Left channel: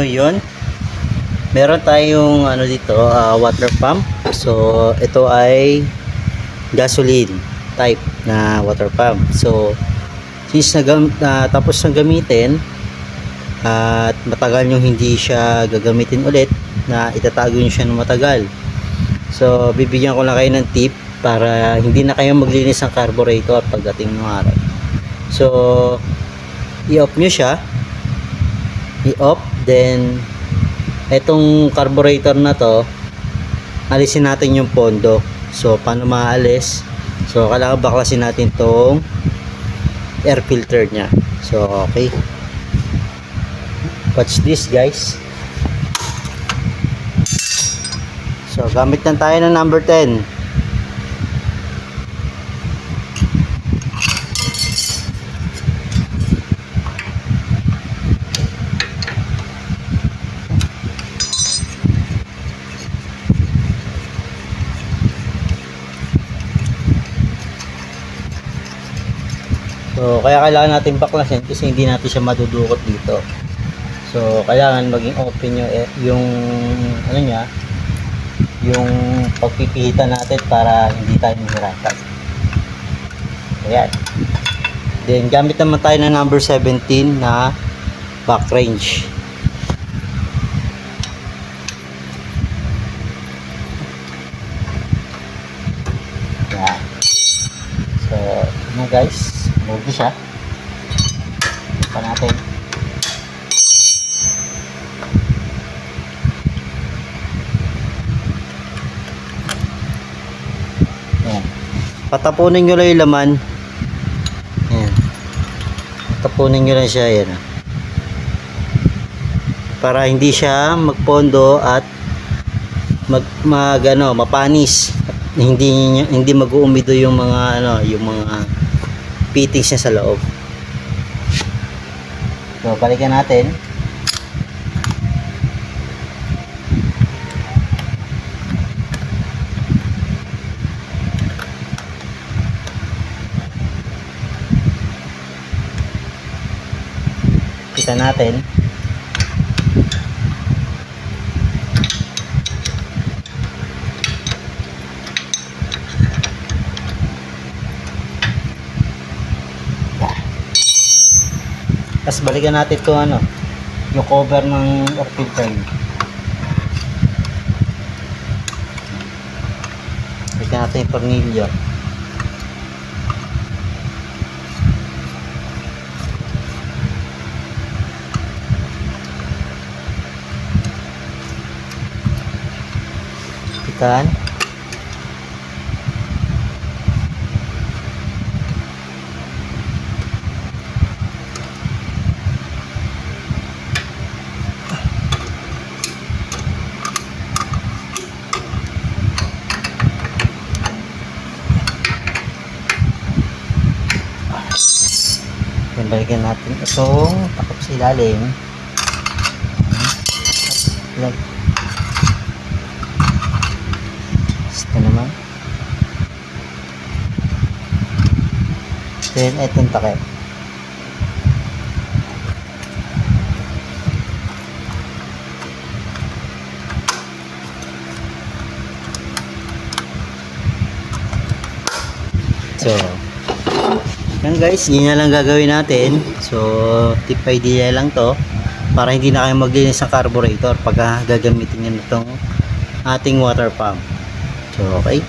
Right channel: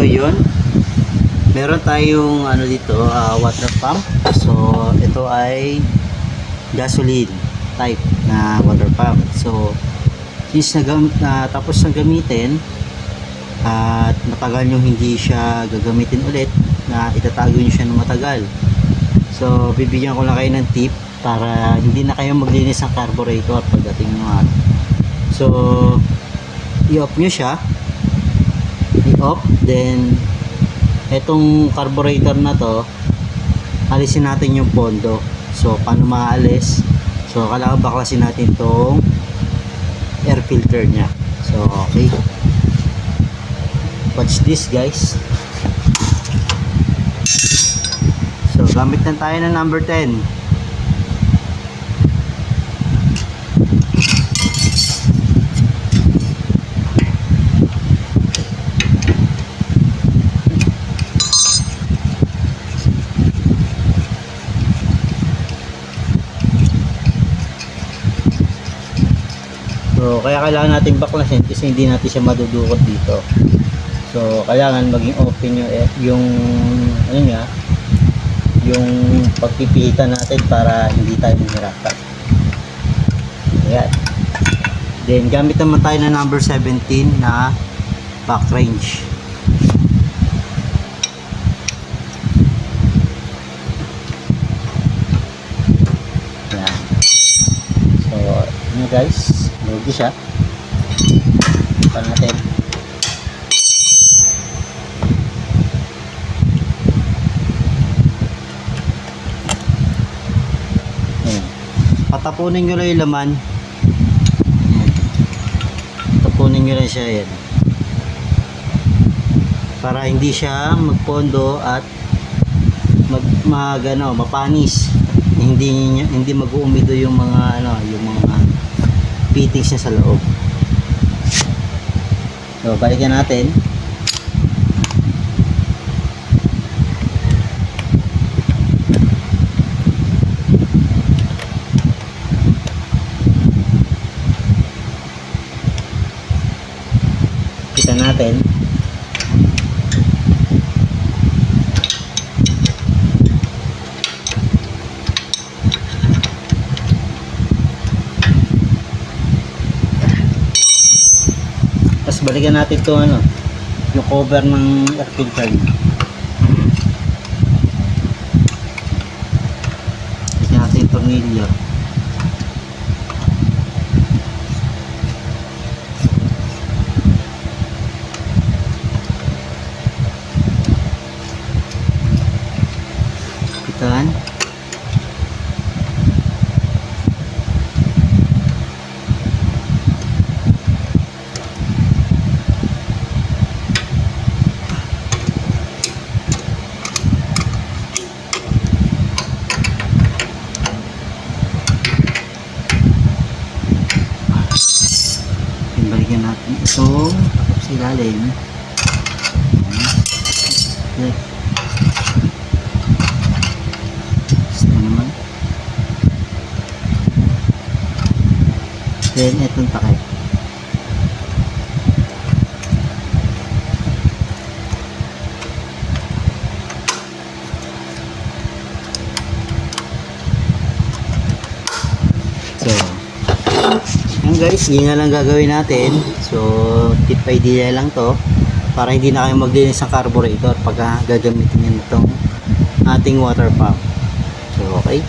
So yun, meron tayong ano dito, water pump. So ito ay gasoline type na water pump. So since tapos na gamitin at matagal nyo hindi siya gagamitin ulit, na itatago nyo siya ng matagal, so bibigyan ko lang kayo ng tip para hindi na kayo maglinis ng carburetor pagdating ng araw. So i-off nyo siya, i-off, then etong carburetor na to, alisin natin yung pondo. So paano maalis? So kailangan baklasin natin tong air filter nya. So okay, watch this guys. So gamit lang tayo ng number 10. So kaya kailangan natin baklasin kasi hindi natin siya madudukot dito. So kailangan maging open yung ano niya, yung pagpipihitan natin para hindi tayo mahirapan. Ayan. Then gamit naman tayo ng number 17 na back range. Ayan. So ano guys, logo siya. Pa natin. Ayan. Patapunin nyo lang yung laman. Ayan. Tapunin nyo lang siya. Ayan. Para hindi siya magpondo at mapanis. Hindi mag-uumido yung mga yung mga fittings niya sa loob. So balikan natin. Kita natin. Tapos balikan natin itong yung cover ng air filter. Balikan natin yung tornilyo. Pitan. Balikan natin itong takip sa ilalim. Ito naman. Then itong takip. So yan guys, yun na lang gagawin natin. So tip idea lang to para hindi na kayo maglinis ng carburetor pag gagamitin nyo itong ating water pump. So okay.